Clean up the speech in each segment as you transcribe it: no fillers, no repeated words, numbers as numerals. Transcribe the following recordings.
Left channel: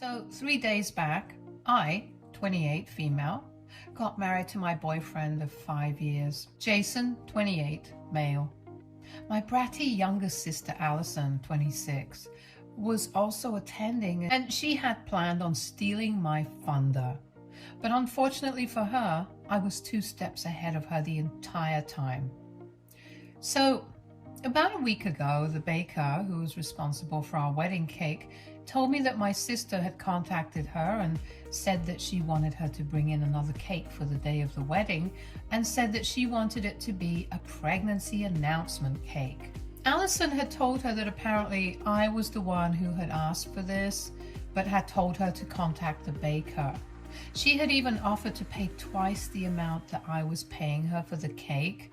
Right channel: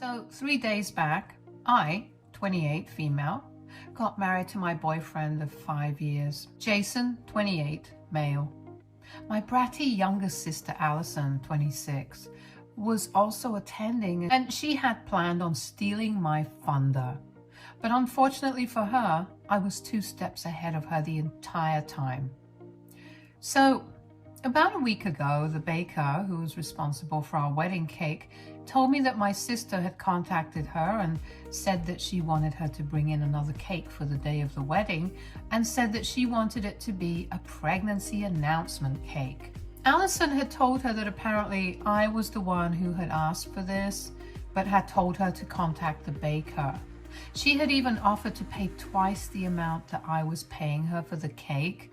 So 3 days back, I, 28 female, got married to my boyfriend of 5 years, Jason, 28 male. My bratty younger sister, Allison, 26, was also attending, and she had planned on stealing my thunder. But unfortunately for her, I was 2 steps ahead of her the entire time. So about a week ago, the baker who was responsible for our wedding cake told me that my sister had contacted her and said that she wanted her to bring in another cake for the day of the wedding, and said that she wanted it to be a pregnancy announcement cake. Allison had told her that apparently I was the one who had asked for this, but had told her to contact the baker. She had even offered to pay twice the amount that I was paying her for the cake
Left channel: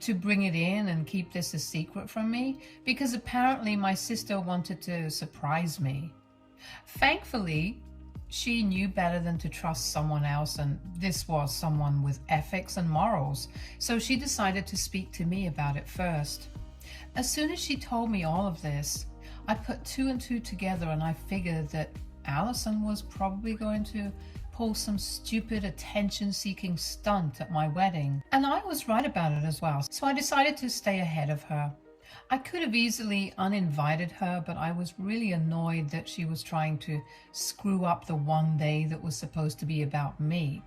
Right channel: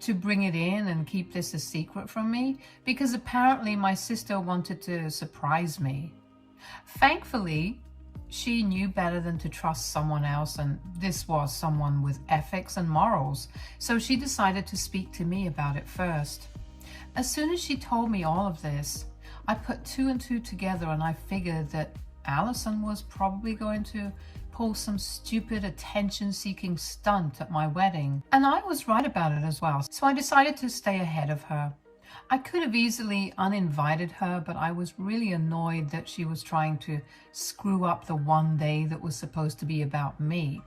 to bring it in and keep this a secret from me, because apparently my sister wanted to surprise me. Thankfully, she knew better than to trust someone else, and this was someone with ethics and morals, so she decided to speak to me about it first. As soon as she told me all of this, I put 2 and 2 together, and I figured that Allison was probably going to pull some stupid attention-seeking stunt at my wedding. And I was right about it as well, so I decided to stay ahead of her. I could have easily uninvited her, but I was really annoyed that she was trying to screw up the one day that was supposed to be about me.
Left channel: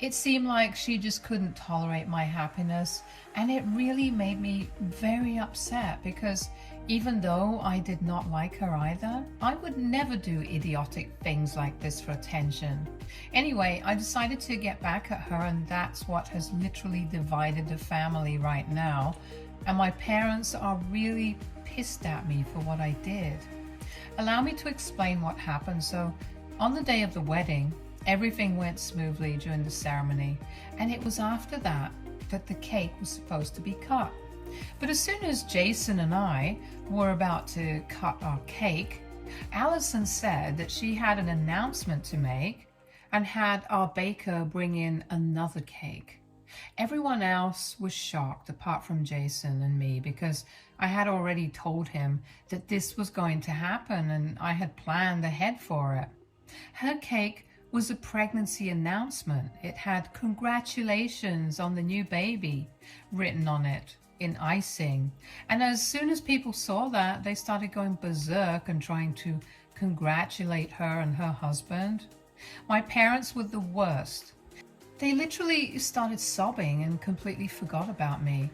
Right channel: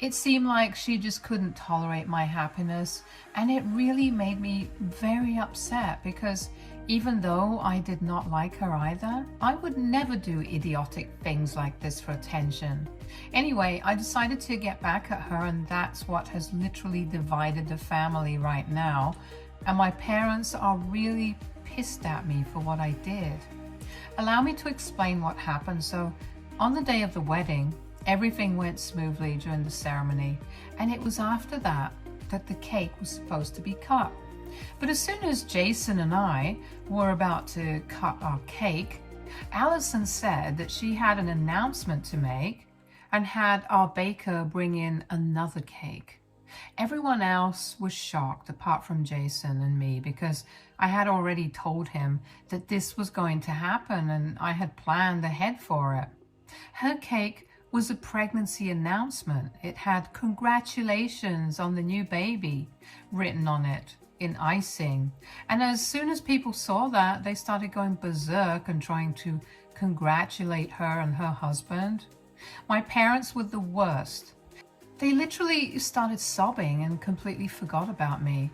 It seemed like she just couldn't tolerate my happiness, and it really made me very upset, because even though I did not like her either, I would never do idiotic things like this for attention. Anyway, I decided to get back at her, and that's what has literally divided the family right now. And my parents are really pissed at me for what I did. Allow me to explain what happened. So, on the day of the wedding, everything went smoothly during the ceremony, and it was after that that the cake was supposed to be cut. But as soon as Jason and I were about to cut our cake, Allison said that she had an announcement to make and had our baker bring in another cake. Everyone else was shocked apart from Jason and me, because I had already told him that this was going to happen and I had planned ahead for it. Her cake was a pregnancy announcement. It had "Congratulations on the new baby" written on it in icing. And as soon as people saw that, they started going berserk and trying to congratulate her and her husband. My parents were the worst. They literally started sobbing and completely forgot about me.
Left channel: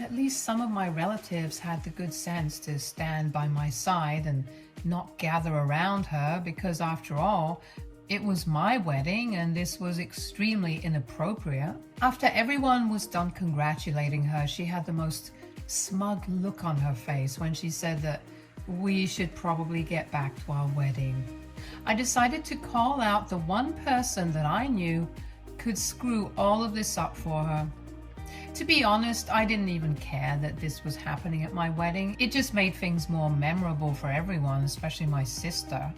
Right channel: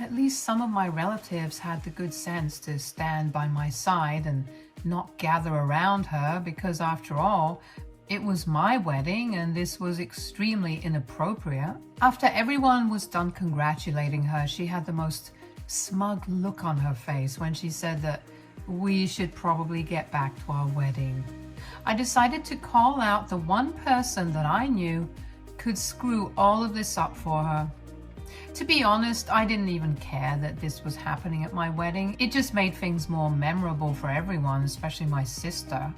At least some of my relatives had the good sense to stand by my side and not gather around her, because after all, it was my wedding and this was extremely inappropriate. After everyone was done congratulating her, she had the most smug look on her face when she said that we should probably get back to our wedding. I decided to call out the one person that I knew could screw all of this up for her. To be honest, I didn't even care that this was happening at my wedding. It just made things more memorable for everyone, especially my sister.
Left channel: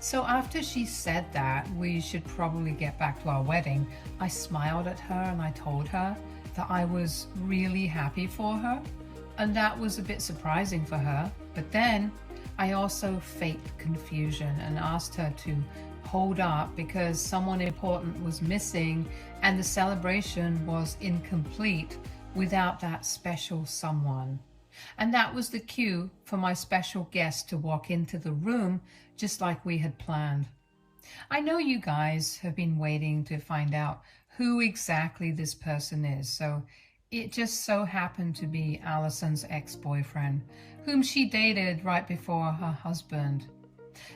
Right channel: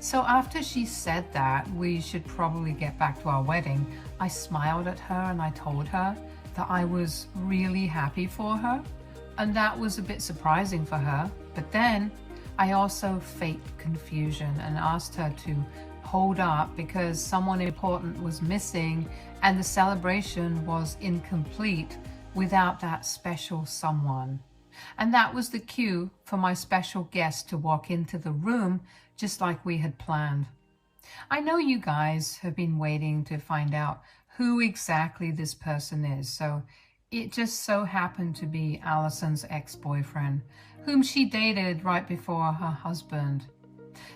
So after she said that we should probably get back to our wedding, I smiled at her and I told her that I was really happy for her, and that was a bit surprising for her. But then I also faked confusion and asked her to hold up because someone important was missing and the celebration was incomplete without that special someone. And that was the cue for my special guest to walk into the room just like we had planned. I know you guys have been waiting to find out who exactly this person is, so it just so happened to be Allison's ex-boyfriend, whom she dated right before her husband.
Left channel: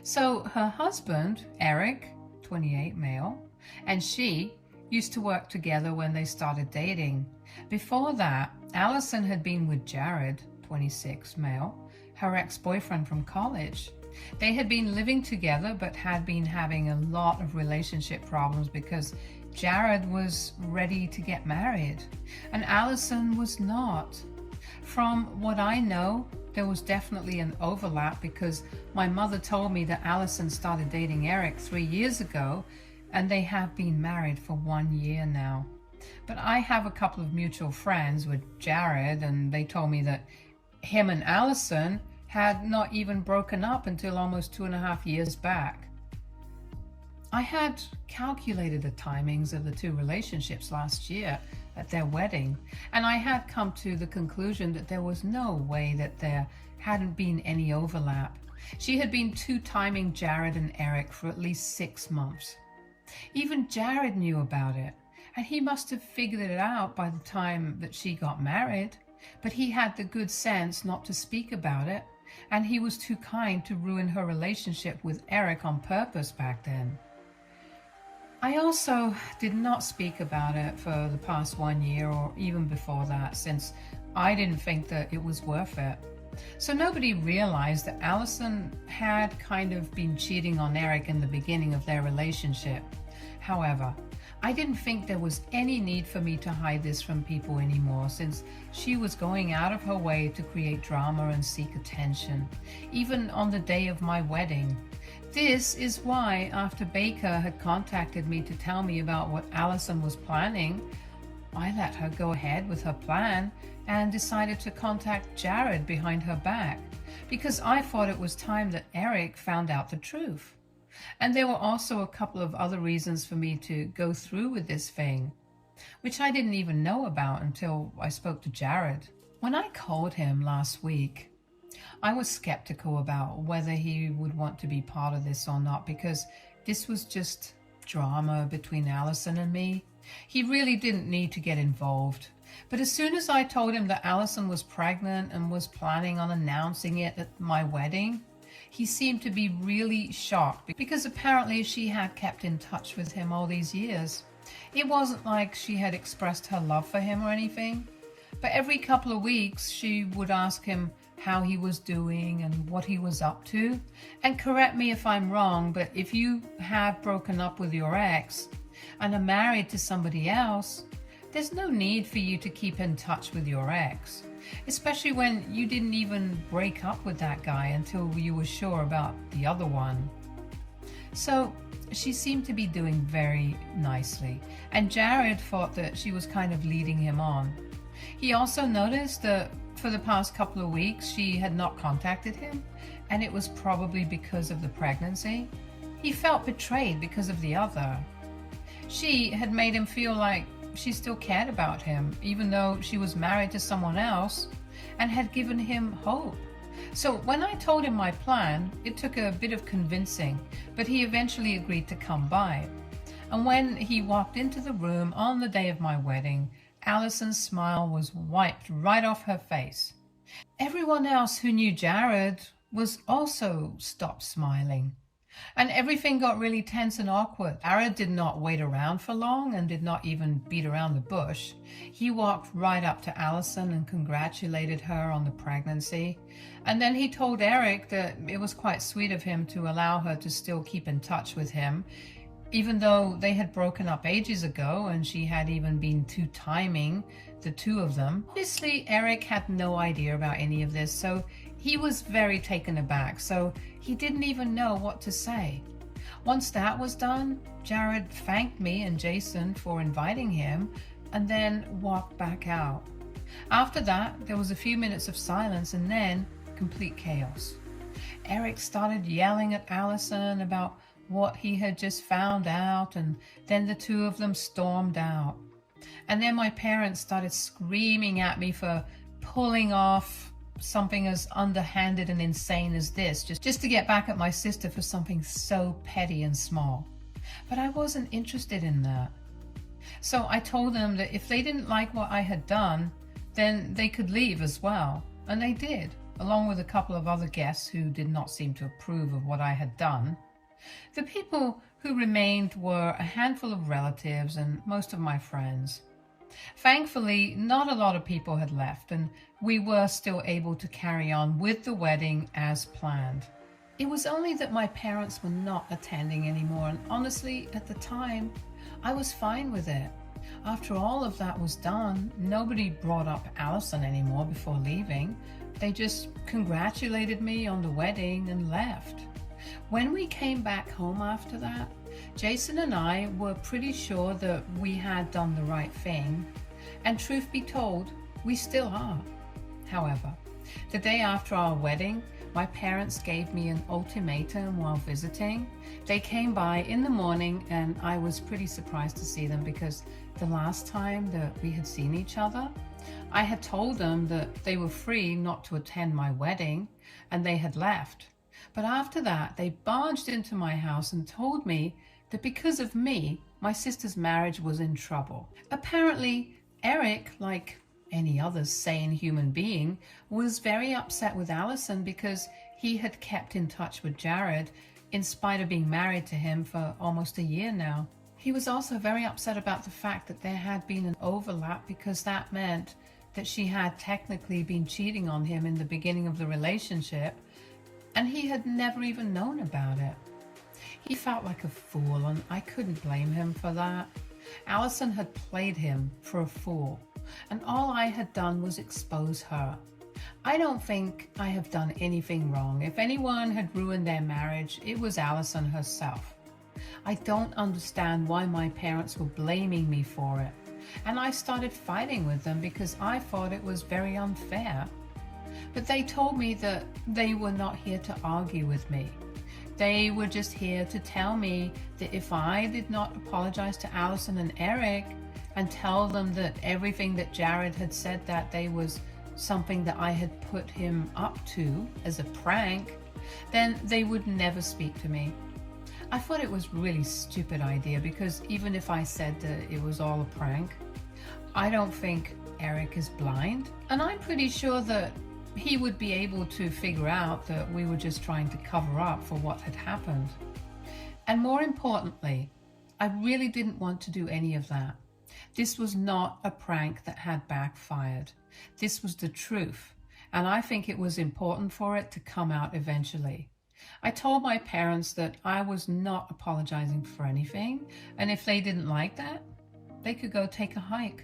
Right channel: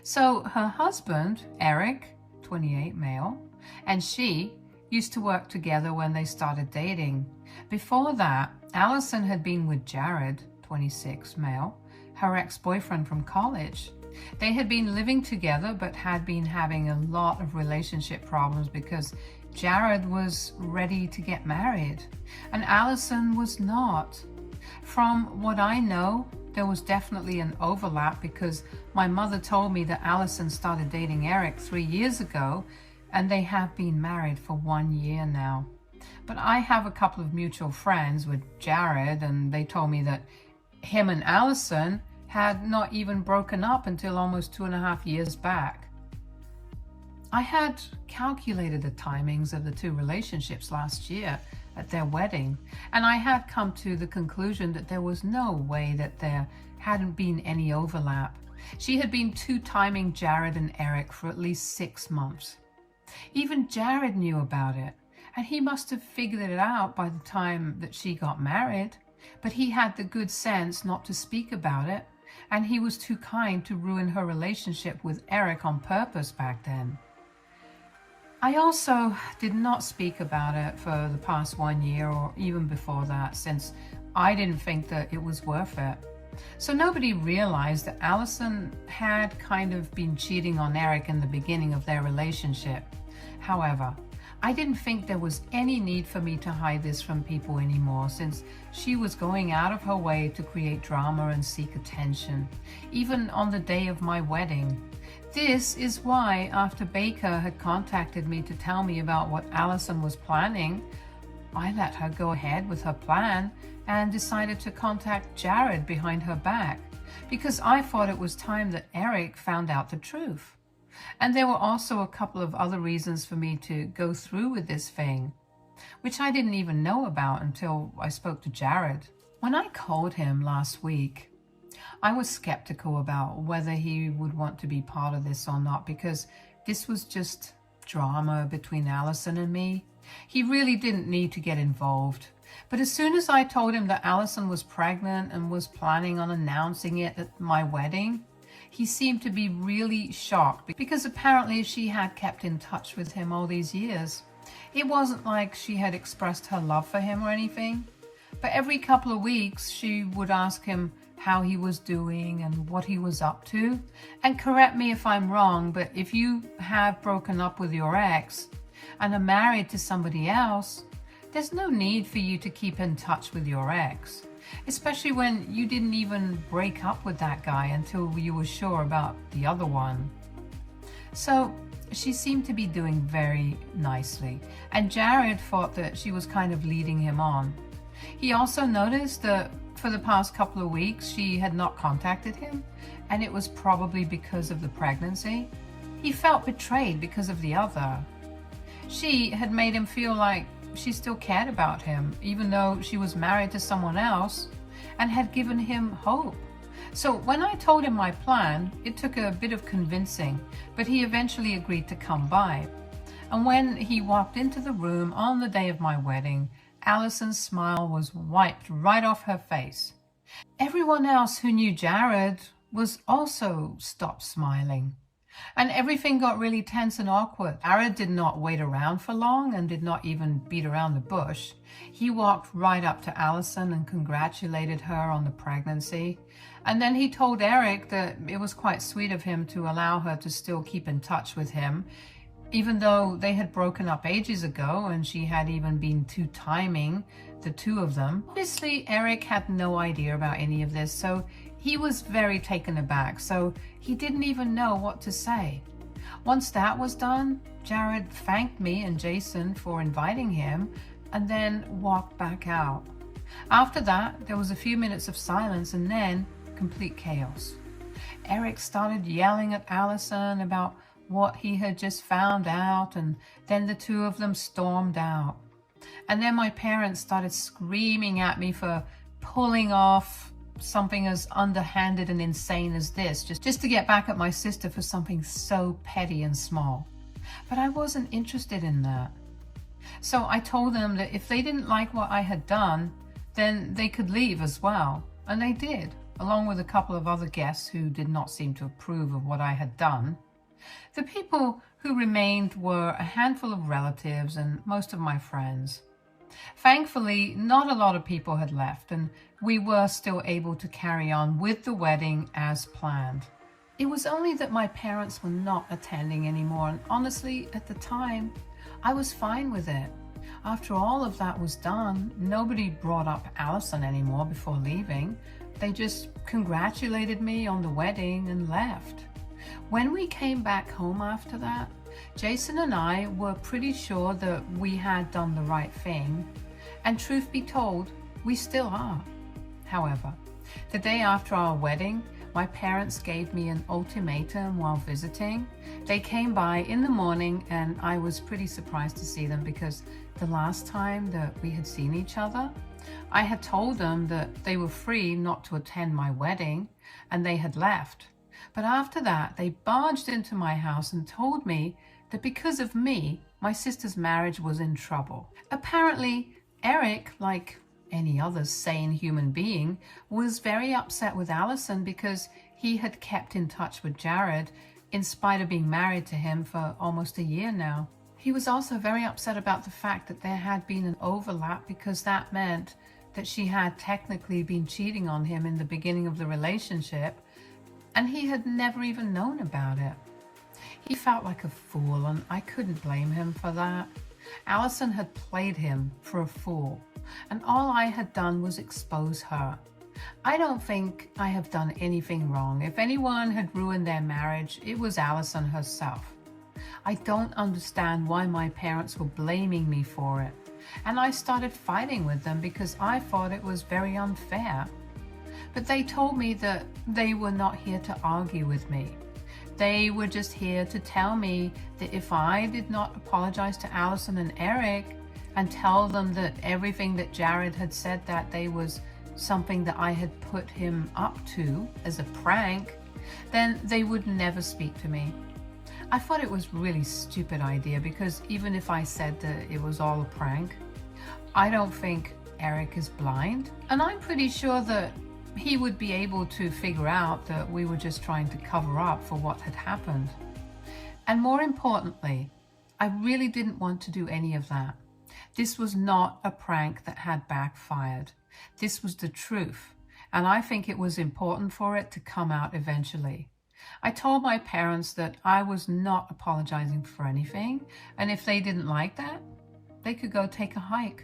So her husband, Eric, 28 male, and she used to work together when they started dating. Before that, Allison had been with Jared, 26 male, her ex-boyfriend from college. They had been living together but had been having a lot of relationship problems because Jared was ready to get married and Allison was not. From what I know, there was definitely an overlap, because my mother told me that Allison started dating Eric 3 years ago and they have been married for 1 year now. But I have a couple of mutual friends with Jared, and they told me that him and Allison had not even broken up until almost 2.5 years back. I had calculated the timings of the two relationships last year at their wedding, and I had come to the conclusion that there was no way that there hadn't been any overlap. She had been two-timing Jared and Eric for at least 6 months. Even Jared knew about it, and he must have figured it out by the time that she got married, but he had the good sense not to speak about it, and he was too kind to ruin her relationship with Eric on purpose back then. I also did not speak about it for the past 1 year or even before that, since I didn't think that it was worth it. So nobody realized that Allison had kind of been cheating on Eric in the beginning of their relationship. However, I didn't think there was any need for me to hide this from people anymore, since she was going out of her way to create drama and seek attention, even on the day of my wedding. This is why, after Baker had contacted me to tell me about what Allison was planning, I let her go ahead with her plan and decided to contact Jared behind her back, because I thought it was time that Eric found out the truth. And there were also a couple of other reasons for me to go through with this thing, which I didn't even know about until I spoke to Jared. When I called him last week, I was skeptical about whether he would want to be part of this or not, because this was just drama between Allison and me. He really didn't need to get involved. But as soon as I told him that Allison was pregnant and was planning on announcing it at my wedding, he seemed to be really shocked, because apparently she had kept in touch with him all these years. It wasn't like she had expressed her love for him or anything, but every couple of weeks she would ask him how he was doing and what he was up to. And correct me if I'm wrong, but if you have broken up with your ex and are married to somebody else, there's no need for you to keep in touch with your ex, especially when you didn't even break up with that guy until you were sure about the other one. So she seemed to be doing very nicely, and Jared thought that she was kind of leading him on. He also noticed that for the past couple of weeks she had not contacted him, and it was probably because of the pregnancy. He felt betrayed because of the other. She had made him feel like she still cared about him, even though she was married to someone else, and had given him hope. So when I told him my plan, it took a bit of convincing, but he eventually agreed to come by. And when he walked into the room on the day of my wedding, Allison's smile was wiped right off her face. Everyone else who knew Jared was also stopped smiling. And everything got really tense and awkward. Jared did not wait around for long and did not even beat around the bush. He walked right up to Allison and congratulated her on the pregnancy. And then he told Eric that it was quite sweet of him to allow her to still keep in touch with him, even though they had broken up ages ago and she had even been two-timing the two of them. Obviously, Eric had no idea about any of this, so he was very taken aback, so he didn't even know what to say. Once that was done, Jared thanked me and Jason for inviting him and then walked back out. After that, there was a few minutes of silence and then complete chaos. Eric started yelling at Allison about what he had just found out, and then the two of them stormed out. And then my parents started screaming at me for pulling off something as underhanded and insane as this, just to get back at my sister for something so petty and small. But I wasn't interested in that. So I told them that if they didn't like what I had done, then they could leave as well. And they did, along with a couple of other guests who did not seem to approve of what I had done. The people who remained were a handful of relatives and most of my friends. Thankfully, not a lot of people had left, and we were still able to carry on with the wedding as planned. It was only that my parents were not attending anymore, and honestly, at the time, I was fine with it. After all of that was done, nobody brought up Allison anymore before leaving. They just congratulated me on the wedding and left. When we came back home after that, Jason and I were pretty sure that we had done the right thing, and truth be told, we still are. However, the day after our wedding, my parents gave me an ultimatum while visiting. They came by in the morning and I was pretty surprised to see them because the last time that we had seen each other, I had told them that they were free not to attend my wedding and they had left. But after that, they barged into my house and told me that because of me, my sister's marriage was in trouble. Apparently, Eric, like any other sane human being, was very upset with Allison because he had kept in touch with Jared in spite of being married to him for almost a year now. He was also very upset about the fact that there had been an overlap because that meant that she had technically been cheating on him in the beginning of the relationship and he had never even known about it. He felt like a fool and I couldn't blame him for that. Allison had played him for a fool and all I had done was expose her. I don't think I have done anything wrong. If anyone had ruined their marriage, it was Allison herself. I don't understand why my parents were blaming me for it. And I started fighting with them because I thought it was very unfair. But they told me that they were not here to argue with me. They were just here to tell me that if I did not apologize to Allison and Eric and tell them that everything that Jared had said that day was something that I had put him up to as a prank, then they would never speak to me. I thought it was a really stupid idea because even if I said that it was all a prank, I don't think Eric is blind, and I'm pretty sure that he would be able to figure out that we were just trying to cover up for what had happened. And more importantly, I really didn't want to do any of that. This was not a prank that had backfired. This was the truth, and I think it was important for it to come out eventually. I told my parents that I was not apologizing for anything, and if they didn't like that, they could go take a hike.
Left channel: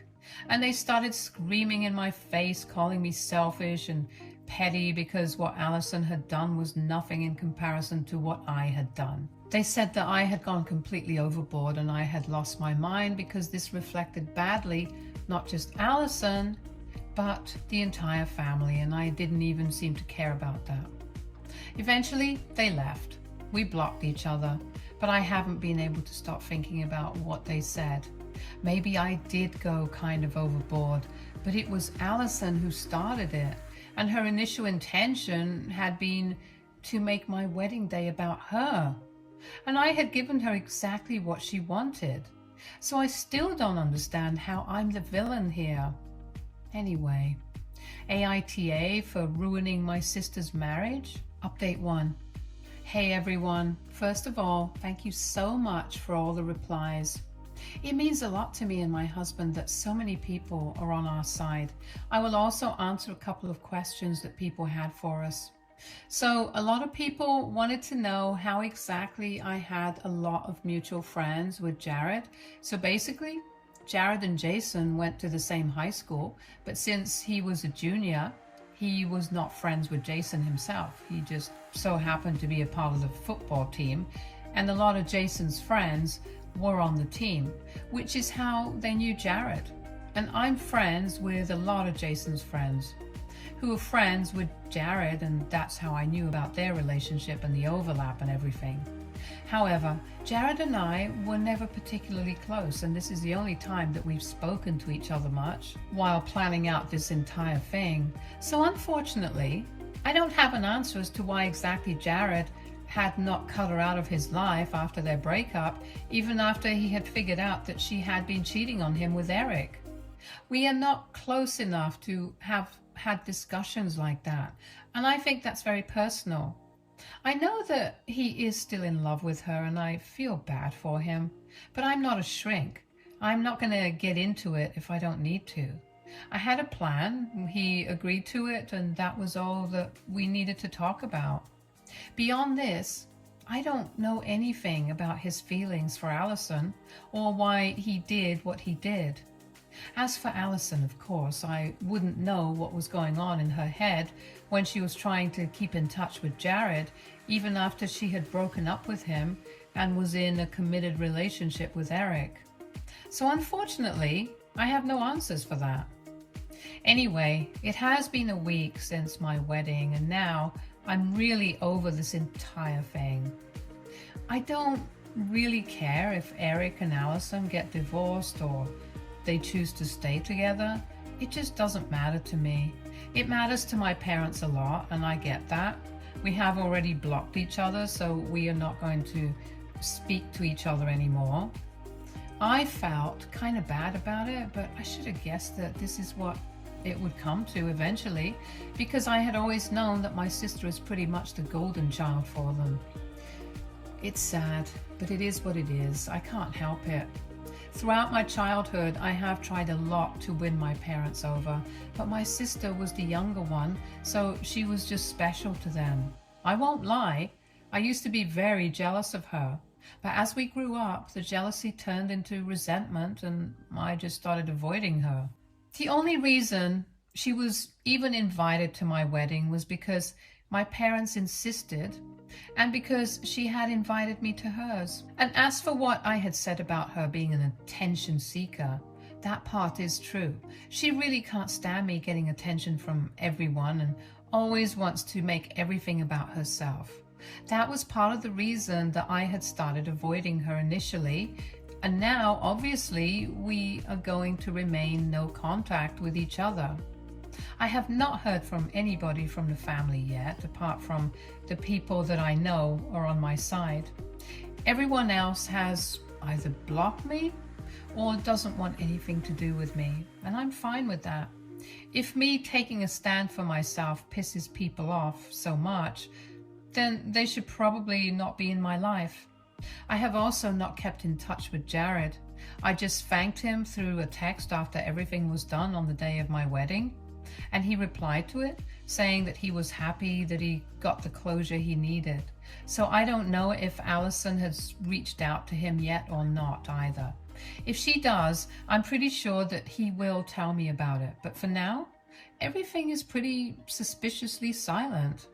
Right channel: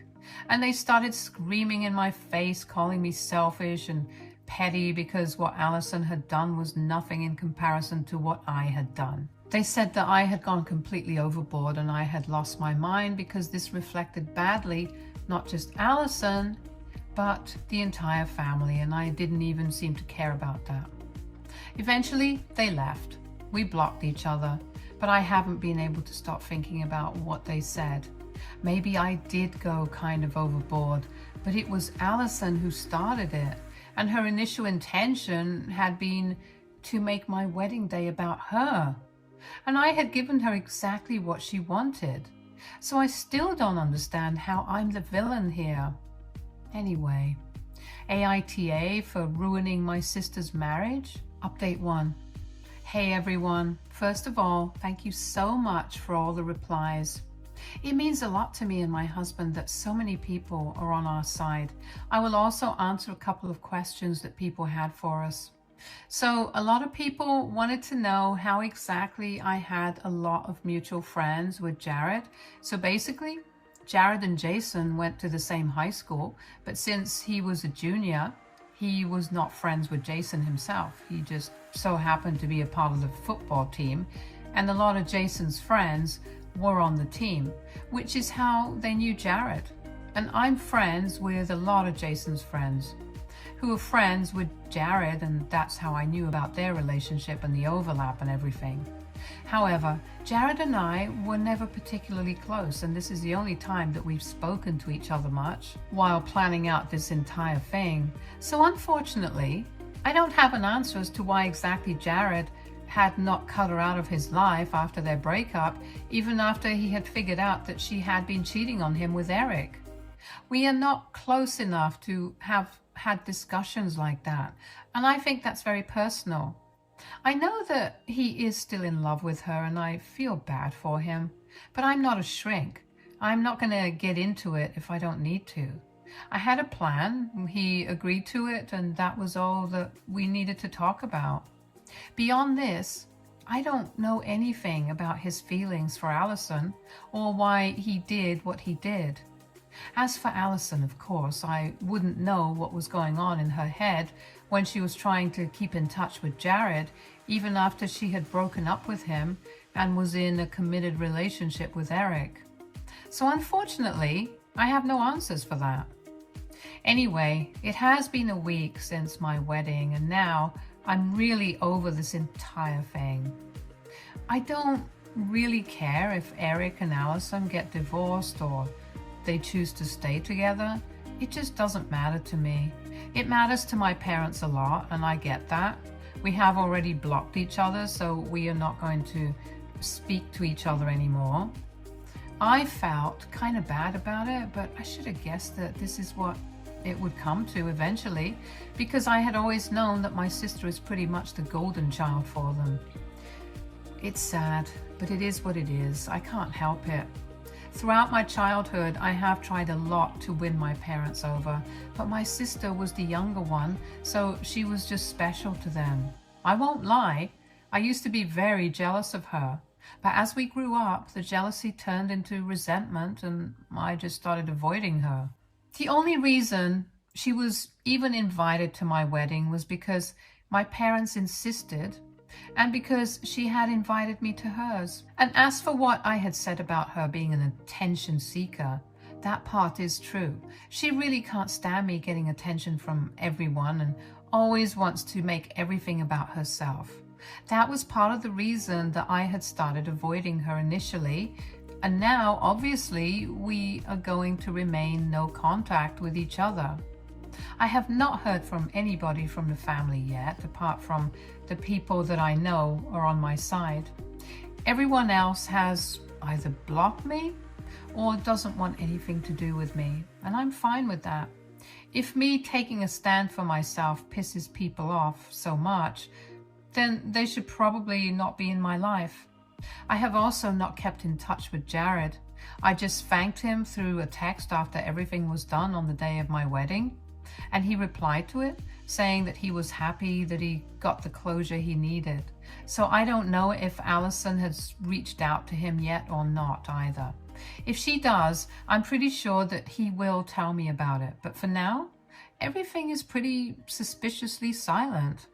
And they started screaming in my face, calling me selfish and petty because what Allison had done was nothing in comparison to what I had done. They said that I had gone completely overboard and I had lost my mind because this reflected badly not just Allison, but the entire family, and I didn't even seem to care about that. Eventually, they left. We blocked each other, but I haven't been able to stop thinking about what they said. Maybe I did go kind of overboard, but it was Allison who started it, and her initial intention had been to make my wedding day about her. And I had given her exactly what she wanted. So I still don't understand how I'm the villain here. Anyway, AITA for ruining my sister's marriage? Update 1. Hey everyone, first of all, thank you so much for all the replies. It means a lot to me and my husband that so many people are on our side. I will also answer a couple of questions that people had for us. So a lot of people wanted to know how exactly I had a lot of mutual friends with Jared. So basically, Jared and Jason went to the same high school, but since he was a junior, he was not friends with Jason himself. He just so happened to be a part of the football team, and a lot of Jason's friends were on the team, which is how they knew Jared. And I'm friends with a lot of Jason's friends who are friends with Jared, and that's how I knew about their relationship and the overlap and everything. However, Jared and I were never particularly close, and this is the only time that we've spoken to each other much while planning out this entire thing. So unfortunately, I don't have an answer as to why exactly Jared had not cut her out of his life after their breakup, even after he had figured out that she had been cheating on him with Eric. We are not close enough to have had discussions like that, and I think that's very personal. I know that he is still in love with her and I feel bad for him, but I'm not a shrink. I'm not going to get into it if I don't need to. I had a plan, he agreed to it, and that was all that we needed to talk about. Beyond this, I don't know anything about his feelings for Allison or why he did what he did. As for Allison, of course, I wouldn't know what was going on in her head when she was trying to keep in touch with Jared, even after she had broken up with him and was in a committed relationship with Eric. So unfortunately, I have no answers for that. Anyway, it has been a week since my wedding, and now I'm really over this entire thing. I don't really care if Eric and Allison get divorced or they choose to stay together. It just doesn't matter to me. It matters to my parents a lot, and I get that. We have already blocked each other, so we are not going to speak to each other anymore. I felt kind of bad about it, but I should have guessed that this is what it would come to eventually, because I had always known that my sister is pretty much the golden child for them. It's sad, but it is what it is. I can't help it. Throughout my childhood, I have tried a lot to win my parents over, but my sister was the younger one, so she was just special to them. I won't lie, I used to be very jealous of her, but as we grew up, the jealousy turned into resentment and I just started avoiding her. The only reason she was even invited to my wedding was because my parents insisted, and because she had invited me to hers. And as for what I had said about her being an attention seeker, that part is true. She really can't stand me getting attention from everyone and always wants to make everything about herself. That was part of the reason that I had started avoiding her initially, and now obviously we are going to remain no contact with each other. I have not heard from anybody from the family yet, apart from the people that I know are on my side. Everyone else has either blocked me or doesn't want anything to do with me, and I'm fine with that. If me taking a stand for myself pisses people off so much, then they should probably not be in my life. I have also not kept in touch with Jared. I just thanked him through a text after everything was done on the day of my wedding, and he replied to it, saying that he was happy that he got the closure he needed. So I don't know if Allison has reached out to him yet or not either. If she does, I'm pretty sure that he will tell me about it, but for now, everything is pretty suspiciously silent.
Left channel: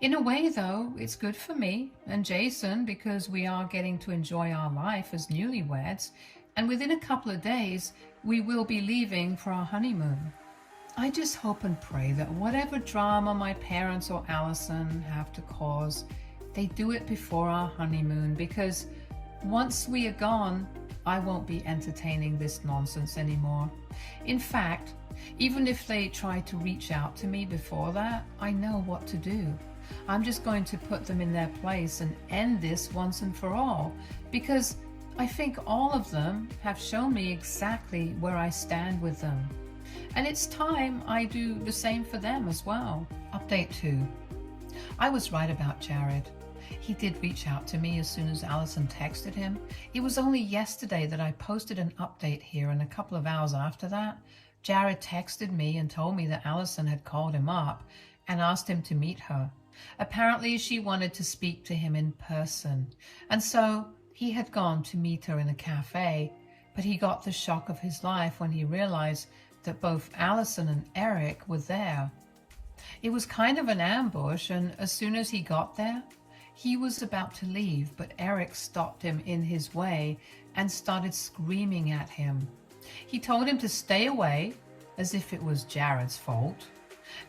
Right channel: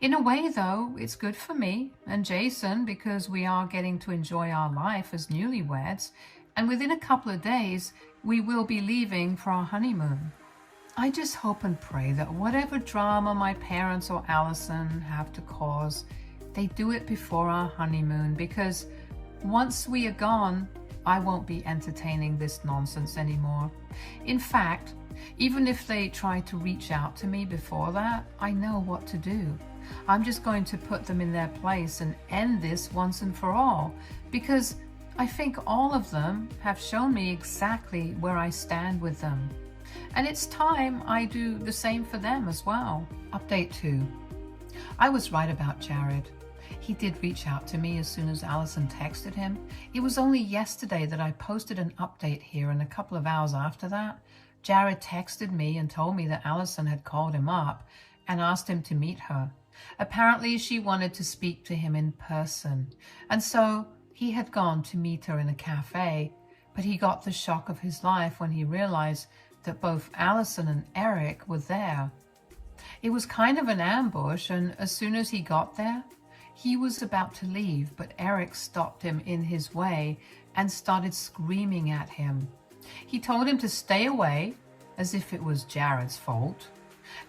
In a way, though, it's good for me and Jason because we are getting to enjoy our life as newlyweds, and within a couple of days, we will be leaving for our honeymoon. I just hope and pray that whatever drama my parents or Allison have to cause, they do it before our honeymoon, because once we are gone, I won't be entertaining this nonsense anymore. In fact, even if they try to reach out to me before that, I know what to do. I'm just going to put them in their place and end this once and for all, because I think all of them have shown me exactly where I stand with them. And it's time I do the same for them as well. Update 2. I was right about Jared. He did reach out to me as soon as Allison texted him. It was only yesterday that I posted an update here, and a couple of hours after that, Jared texted me and told me that Allison had called him up and asked him to meet her. Apparently she wanted to speak to him in person, and so he had gone to meet her in a cafe, but he got the shock of his life when he realized that both Allison and Eric were there. It was kind of an ambush, and as soon as he got there, he was about to leave, but Eric stopped him in his way and started screaming at him. He told him to stay away, as if it was Jared's fault.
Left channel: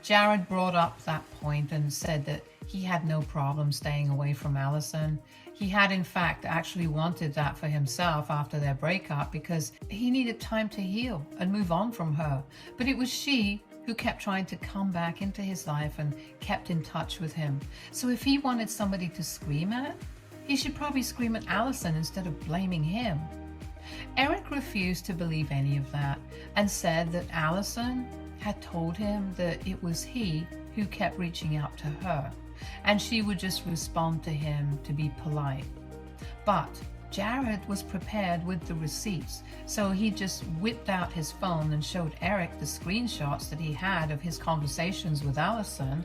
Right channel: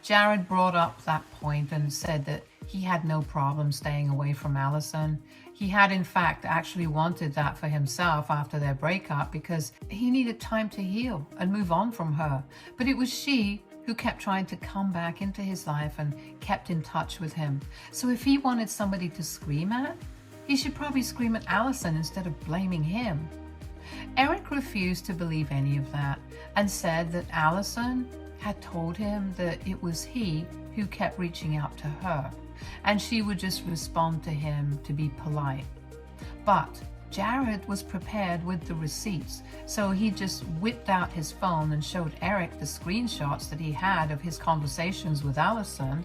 Jared brought up that point and said that he had no problem staying away from Allison. He had in fact actually wanted that for himself after their breakup because he needed time to heal and move on from her. But it was she who kept trying to come back into his life and kept in touch with him. So if he wanted somebody to scream at, he should probably scream at Allison instead of blaming him. Eric refused to believe any of that and said that Allison had told him that it was he who kept reaching out to her, and she would just respond to him to be polite. But Jared was prepared with the receipts, so he just whipped out his phone and showed Eric the screenshots that he had of his conversations with Allison,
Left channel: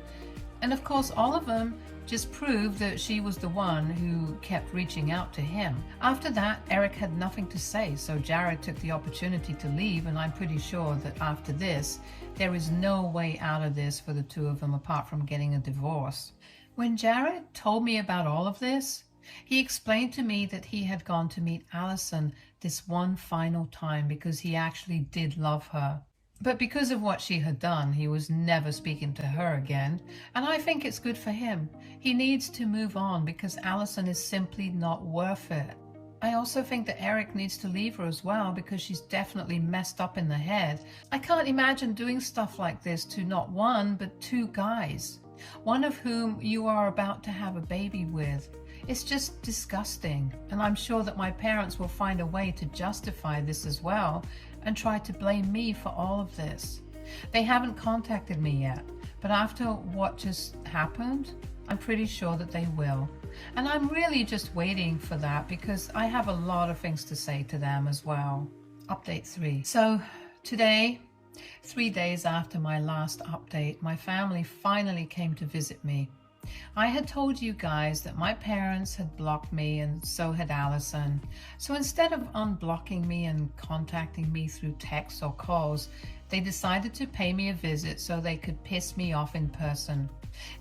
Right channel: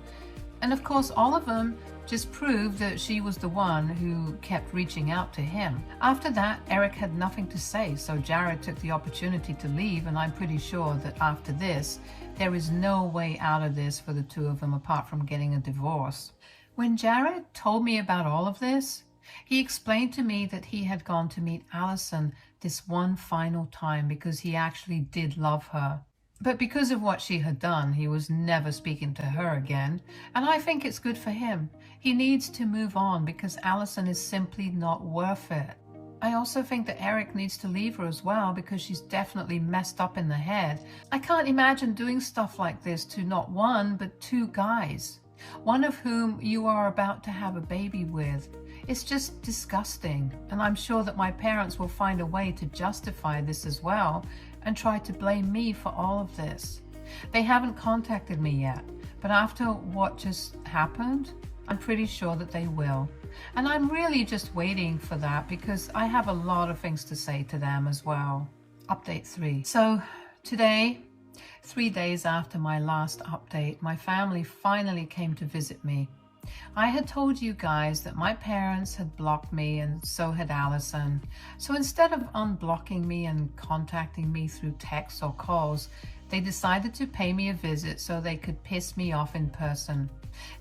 and of course all of them just proved that she was the one who kept reaching out to him. After that, Eric had nothing to say, so Jared took the opportunity to leave, and I'm pretty sure that after this, there is no way out of this for the two of them apart from getting a divorce. When Jared told me about all of this, he explained to me that he had gone to meet Allison this one final time because he actually did love her. But because of what she had done, he was never speaking to her again, and I think it's good for him. He needs to move on because Alison is simply not worth it. I also think that Eric needs to leave her as well because she's definitely messed up in the head. I can't imagine doing stuff like this to not one, but two guys, one of whom you are about to have a baby with. It's just disgusting, and I'm sure that my parents will find a way to justify this as well and try to blame me for all of this. They haven't contacted me yet, but after what just happened, I'm pretty sure that they will. And I'm really just waiting for that because I have a lot of things to say to them as well. Update 3. So today, 3 days after my last update, my family finally came to visit me. I had told you guys that my parents had blocked me and so had Alison. So instead of unblocking me and contacting me through texts or calls, they decided to pay me a visit so they could piss me off in person.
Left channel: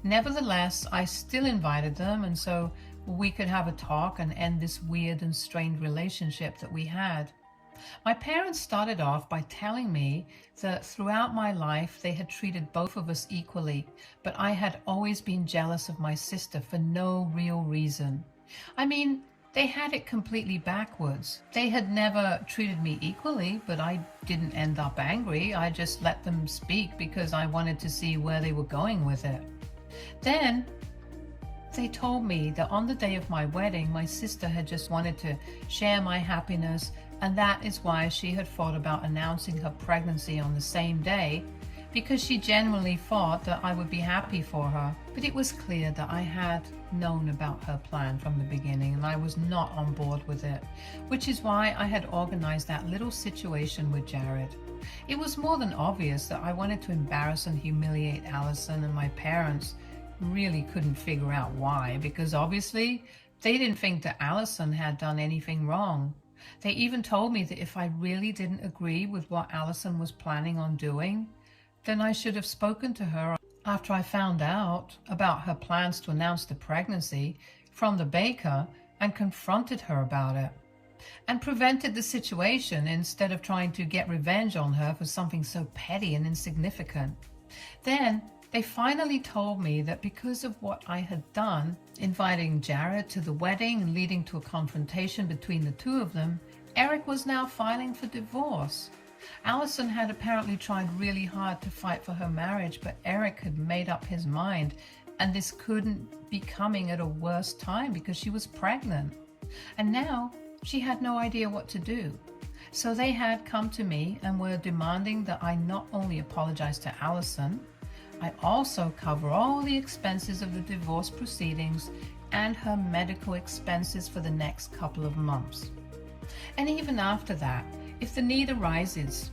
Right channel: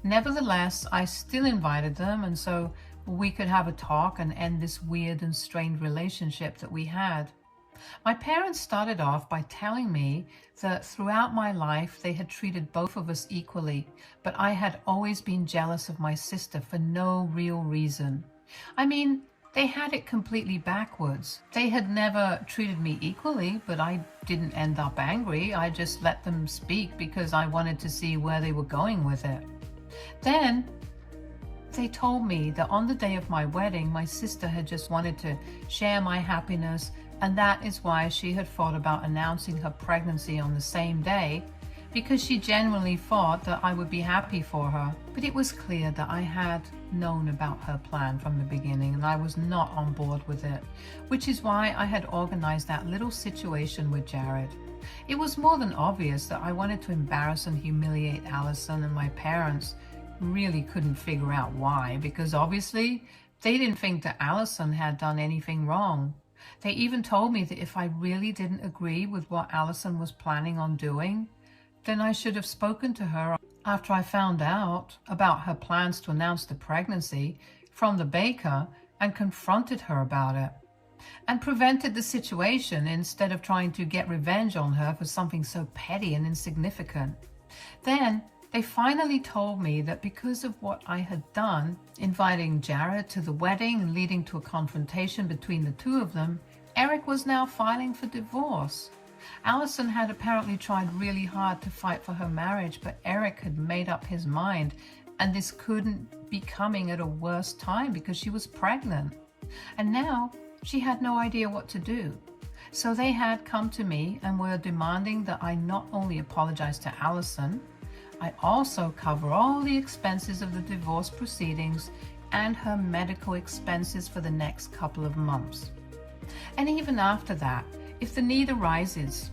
Nevertheless, I still invited them, and so we could have a talk and end this weird and strained relationship that we had. My parents started off by telling me that throughout my life they had treated both of us equally, but I had always been jealous of my sister for no real reason. I mean, they had it completely backwards. They had never treated me equally, but I didn't end up angry. I just let them speak because I wanted to see where they were going with it. Then they told me that on the day of my wedding, my sister had just wanted to share my happiness, and that is why she had thought about announcing her pregnancy on the same day, because she genuinely thought that I would be happy for her. But it was clear that I had known about her plan from the beginning, and I was not on board with it, which is why I had organized that little situation with Jared. It was more than obvious that I wanted to embarrass and humiliate Alison, and my parents really couldn't figure out why, because obviously they didn't think that Alison had done anything wrong. They even told me that if I really didn't agree with what Alison was planning on doing, then I should have spoken to her after I found out about her plans to announce the pregnancy from the baker and confronted her about it and prevented the situation instead of trying to get revenge on her for something so petty and insignificant. Then they finally told me that because of what I had done, inviting Jared to the wedding and leading to a confrontation between the two of them, Eric was now filing for divorce. Alison had apparently tried really hard to fight for her marriage, but Eric had made up his mind, and this couldn't be coming at a worse time because she was pregnant. And now she had no idea what to do. So they had come to me and were demanding that I not only apologize to Alison, I also cover all the expenses of the divorce proceedings and her medical expenses for the next couple of months. And even after that, if the need arises.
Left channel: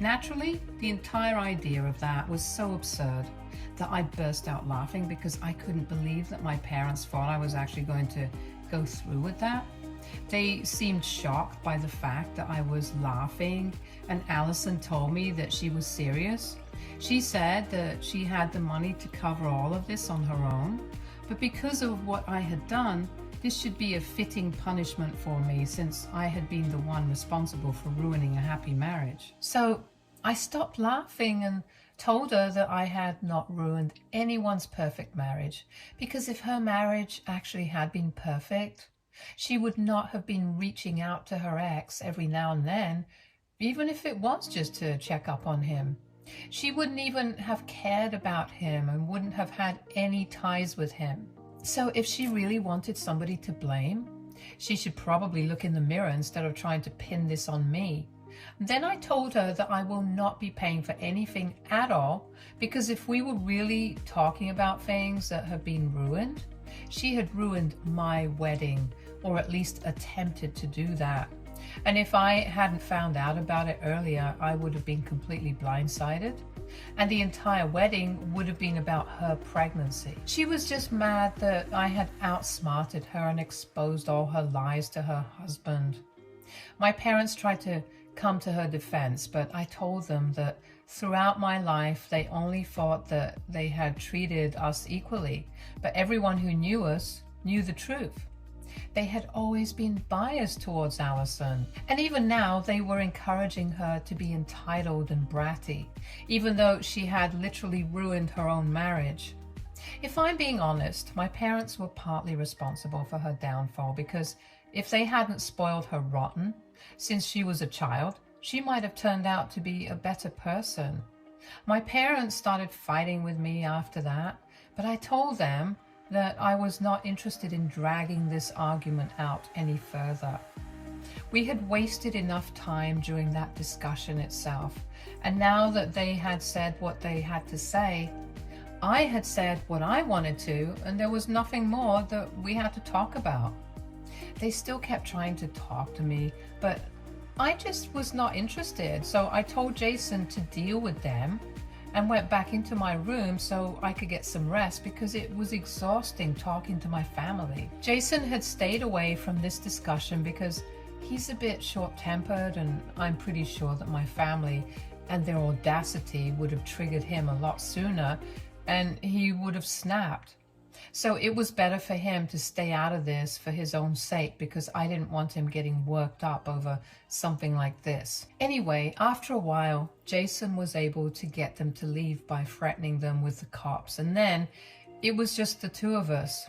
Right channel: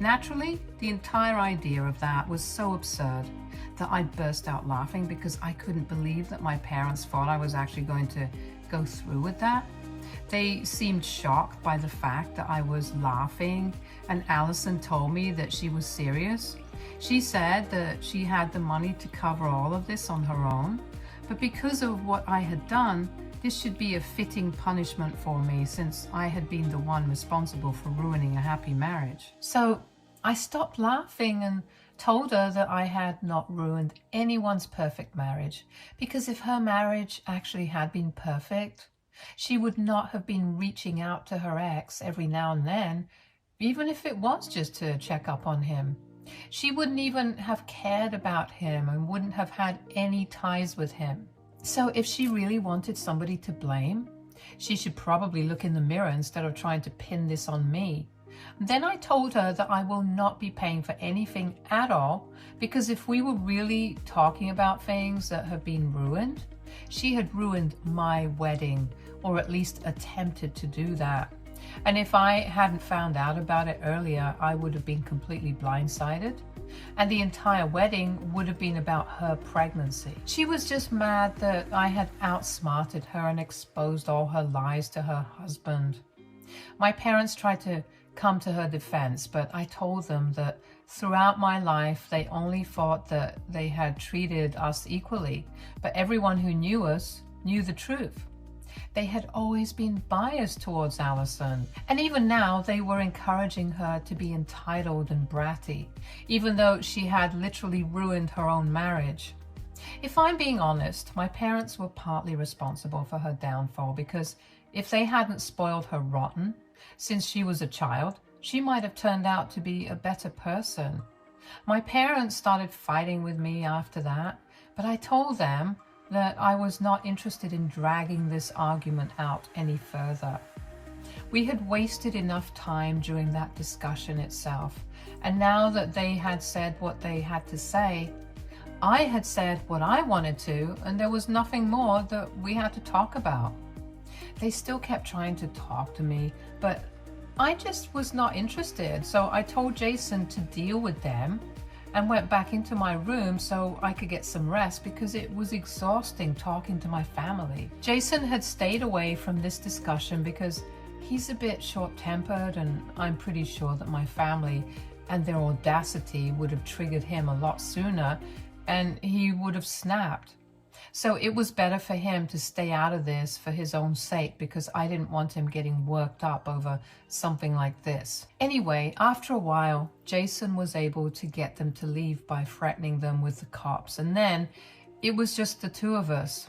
Naturally, the entire idea of that was so absurd that I burst out laughing because I couldn't believe that my parents thought I was actually going to go through with that. They seemed shocked by the fact that I was laughing, and Alison told me that she was serious. She said that she had the money to cover all of this on her own, but because of what I had done, this should be a fitting punishment for me since I had been the one responsible for ruining a happy marriage. So I stopped laughing and told her that I had not ruined anyone's perfect marriage, because if her marriage actually had been perfect, she would not have been reaching out to her ex every now and then, even if it was just to check up on him. She wouldn't even have cared about him and wouldn't have had any ties with him. So if she really wanted somebody to blame, she should probably look in the mirror instead of trying to pin this on me. Then I told her that I will not be paying for anything at all, because if we were really talking about things that have been ruined, she had ruined my wedding, or at least attempted to do that. And if I hadn't found out about it earlier, I would have been completely blindsided. And the entire wedding would have been about her pregnancy. She was just mad that I had outsmarted her and exposed all her lies to her husband. My parents tried to come to her defense, but I told them that throughout my life, they only thought that they had treated us equally, but everyone who knew us knew the truth. They had always been biased towards Allison, and even now they were encouraging her to be entitled and bratty, even though she had literally ruined her own marriage. If I'm being honest, my parents were partly responsible for her downfall, because if they hadn't spoiled her rotten since she was a child, she might have turned out to be a better person. My parents started fighting with me after that, but I told them that I was not interested in dragging this argument out any further. We had wasted enough time during that discussion itself, and now that they had said what they had to say, I had said what I wanted to, and there was nothing more that we had to talk about. They still kept trying to talk to me, but I just was not interested, so I told Jason to deal with them and went back into my room so I could get some rest, because it was exhausting talking to my family. Jason had stayed away from this discussion because he's a bit short-tempered, and I'm pretty sure that my family and their audacity would have triggered him a lot sooner, and he would have snapped. So it was better for him to stay out of this for his own sake, because I didn't want him getting worked up over something like this. Anyway, after a while, Jason was able to get them to leave by threatening them with the cops, and then it was just the two of us.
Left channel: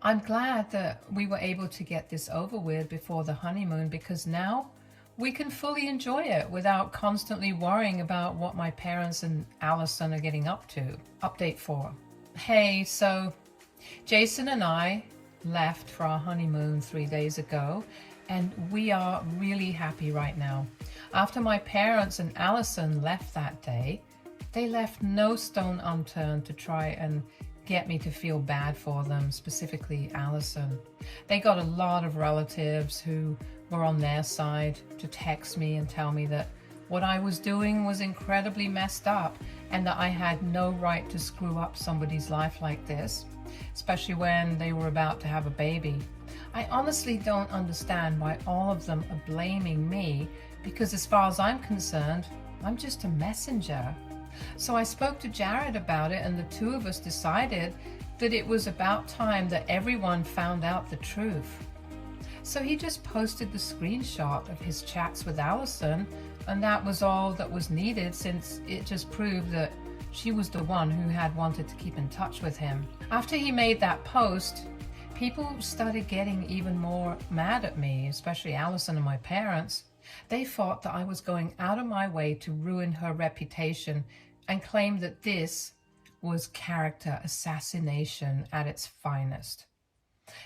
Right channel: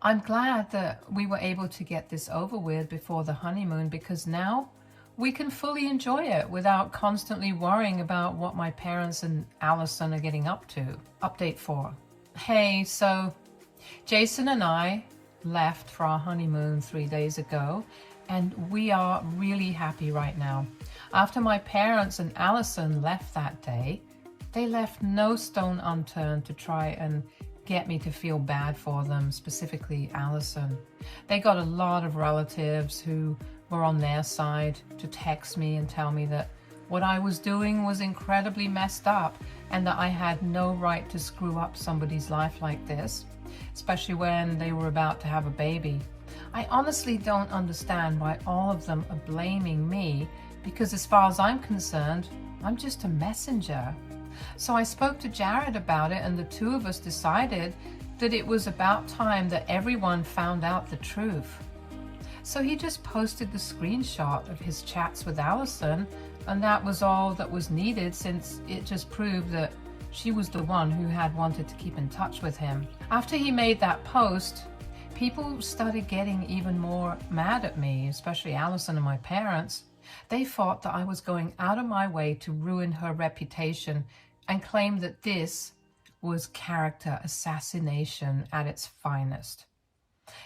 I'm glad that we were able to get this over with before the honeymoon, because now we can fully enjoy it without constantly worrying about what my parents and Allison are getting up to. Update 4. Hey, so Jason and I left for our honeymoon 3 days ago, and we are really happy right now. After my parents and Allison left that day, they left no stone unturned to try and get me to feel bad for them, specifically Allison. They got a lot of relatives who were on their side to text me and tell me that what I was doing was incredibly messed up, and that I had no right to screw up somebody's life like this, especially when they were about to have a baby. I honestly don't understand why all of them are blaming me, because as far as I'm concerned, I'm just a messenger. So I spoke to Jared about it, and the two of us decided that it was about time that everyone found out the truth. So he just posted the screenshot of his chats with Allison, and that was all that was needed, since it just proved that she was the one who had wanted to keep in touch with him. After he made that post, people started getting even more mad at me, especially Allison and my parents. They thought that I was going out of my way to ruin her reputation, and claimed that this was character assassination at its finest.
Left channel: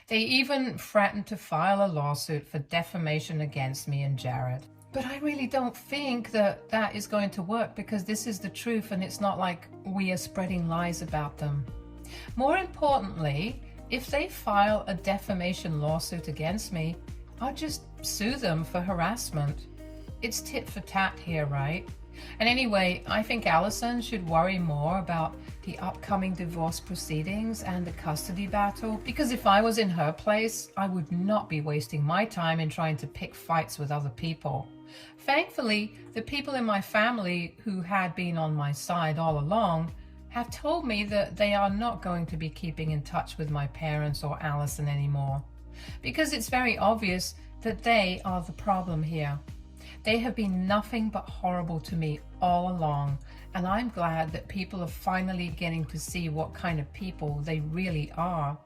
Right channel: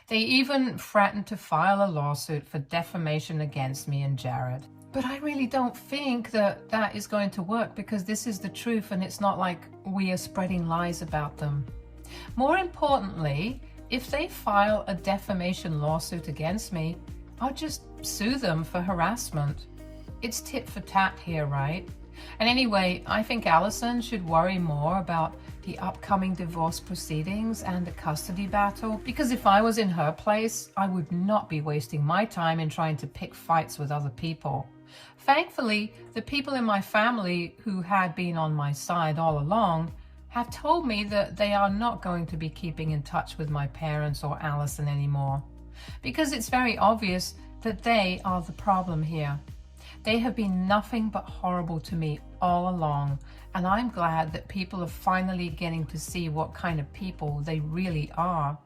They even threatened to file a lawsuit for defamation against me and Jared. But I really don't think that that is going to work, because this is the truth, and it's not like we are spreading lies about them. More importantly, if they file a defamation lawsuit against me, I'll just sue them for harassment. It's tit for tat here, right? And anyway, I think Allison should worry more about the upcoming divorce proceedings and the custody battle, because if I was in her place, I would not be wasting my time in trying to pick fights with other people. Thankfully, the people in my family who had been on my side all along have told me that they are not going to be keeping in touch with my parents or Allison anymore, because it's very obvious that they are the problem here. They have been nothing but horrible to me all along, and I'm glad that people are finally getting to see what kind of people they really are.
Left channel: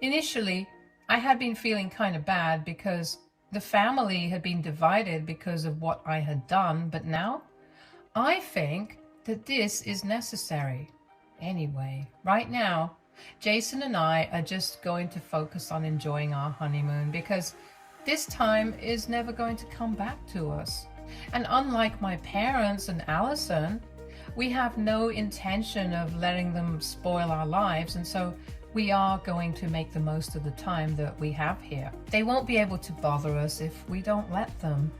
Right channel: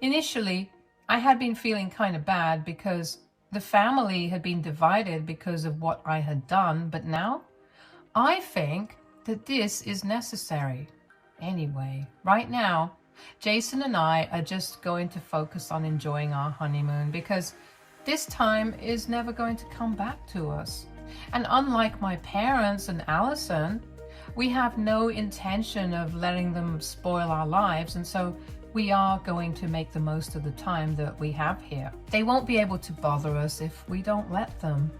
Initially, I had been feeling kind of bad because the family had been divided because of what I had done, but now I think that this is necessary. Anyway, right now, Jason and I are just going to focus on enjoying our honeymoon, because this time is never going to come back to us. And unlike my parents and Allison, we have no intention of letting them spoil our lives, and so we are going to make the most of the time that we have here. They won't be able to bother us if we don't let them.